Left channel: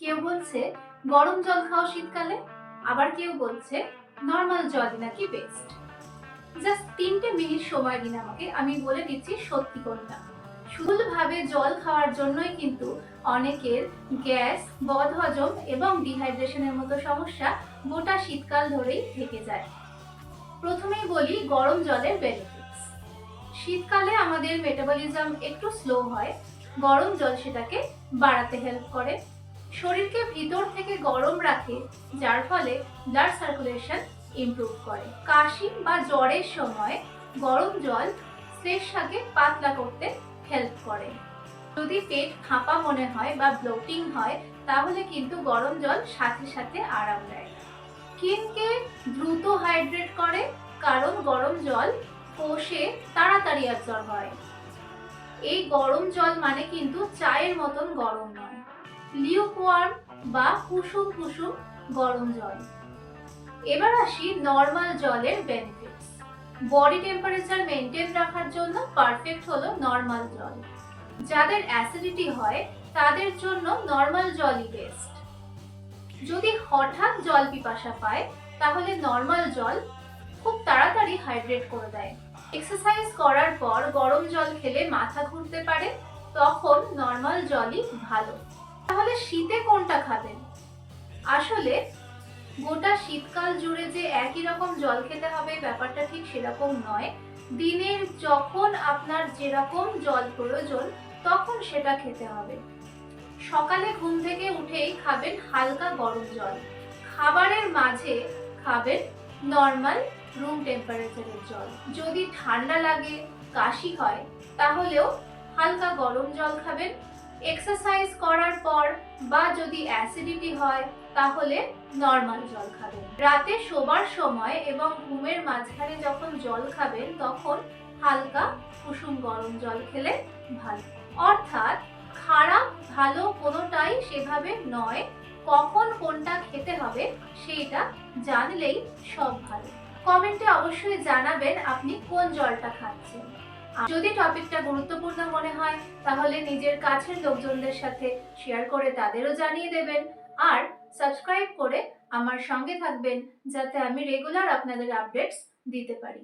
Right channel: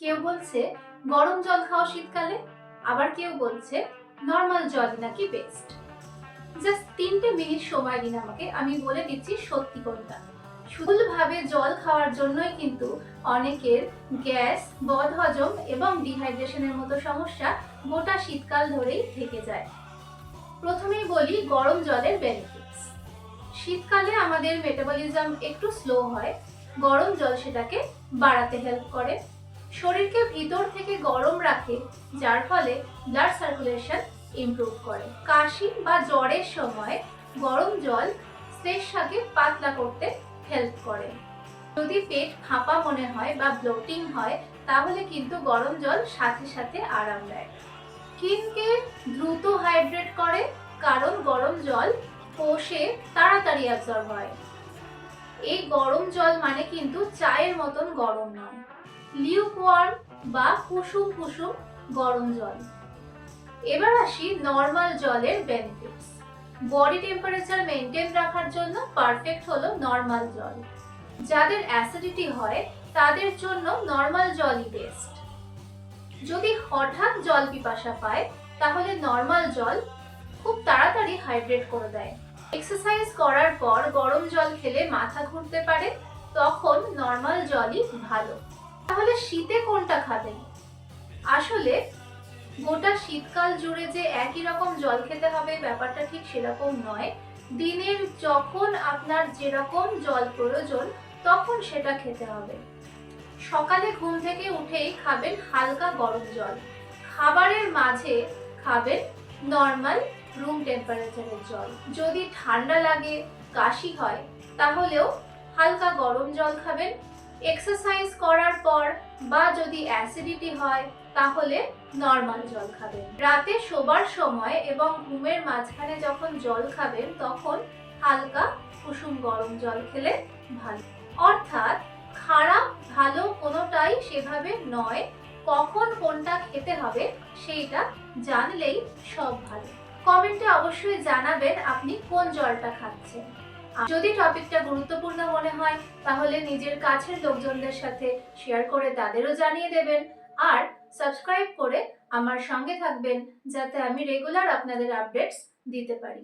কেউ বলছে গরম জল খাও শীতকালে, আবার কেউ বলছে নর্মাল জলই নাকি বেস্ট। জাস্ট 3টে মিনিট সময় দিন আমাকে, আমি বলে দিচ্ছি সত্যি কোনটা। ভুলভাবে জল খাওয়ার জন্যই কিন্তু অনেকের গ্যাস, বদহজম এবং ডিহাইড্রেশনের মতো সমস্যা গোটা শীতকাল ধরেই থেকে যায়। প্রথমেই বলি গরম জলের বেনিফিটস। শীতকালে আমাদের মেটাবলিজম একটু স্লো হয়, গরম জল সেটাকে বাড়াতে হেল্প করে। শরীরকে ভিতর থেকে গরম রাখে, যার ফলে ব্লাড সার্কুলেশন ইমপ্রুভ করে। কাশি বা জ্বরের সময় গরম জল শ্লেষ্মাকে পাতলা করতে হেল্প করে। যদি পেট ফাঁপা মনে হয় বা ব্লোটিং হয়, তাহলে কিন্তু গরম জল সাথে সাথে আরাম দেয়। স্কিনকে দ্রুত হাইড্রেট করে, কারণ গরম জল কোষে তাড়াতাড়ি অ্যাবজর্ব হয়। এই গরম জল মানে কিন্তু চায়ের মতন গরম নয়, লিউকওয়ার্ম বা কুসুম কুসুম গরম জল। এবার আসি নর্মাল জলের বেনিফিটস। বডি টেম্পারেচার মেনটেন রাখার জন্য পারফেক্ট হলো নর্মাল জল। যাদের অ্যাসিডিটি হয় তাদের জন্য নর্মাল জলই বেস্ট। যদি হঠাৎ জল পিপাসা পায়, তাহলে নর্মাল জল খুব তাড়াতাড়ি হাইড্রেট করে দেয়। এক্সারসাইজ করার পর গরম জল খেলে মাথা ঘুরতে পারে, তখন নর্মাল জলই ভালো। তাহলে শীতে কোনটা খাবেন? আসলে গোটা শীতকাল জুড়ে যে একই রকম জল খেতে হবে ব্যাপারটা ঠিক সেরকম নয়। দিনের যখন আপনার যেরকম জল প্রয়োজন তখন সেটা খেতে হবে। সকালে ঘুম থেকে উঠেই খাবেন হালকা গরম জল। খাবারের মাঝে খাবেন নর্মাল রুম টেম্পারেচারের জল। যদি ঠান্ডা লাগে, কাশি হয়, তাহলেও হালকা গরম জল খাবেন। এক্সারসাইজ করার পর বা যদি অ্যাসিডিটি হয়, তাহলে নর্মাল জল খাবেন। রাতে শোবার সময় এবং ঘুমের মাঝখানে যখন জল খাবেন, তখন হালকা কুসুম গরম জল খেলে ভালো। অর্থাৎ খারাপ ভালো কোনোটাই সেভাবে নয়, কখন কোনটা খেতে হবে সেইটা জানলেই সব ভালো। কমেন্টে অবশ্যই জানাবেন আপনি কোন জলটা খাচ্ছেন। যদি টপিকটা গুরুত্বপূর্ণ মনে হয় তাহলে নিজের কাছের লোকজনদের সাথে শেয়ার করে তাদেরও জানিয়ে দেবেন। আর সাবস্ক্রাইব করে আমার সঙ্গে থাকবেন, যাতে আমি রেগুলার আপনাদের আপডেটস দিতে পারি।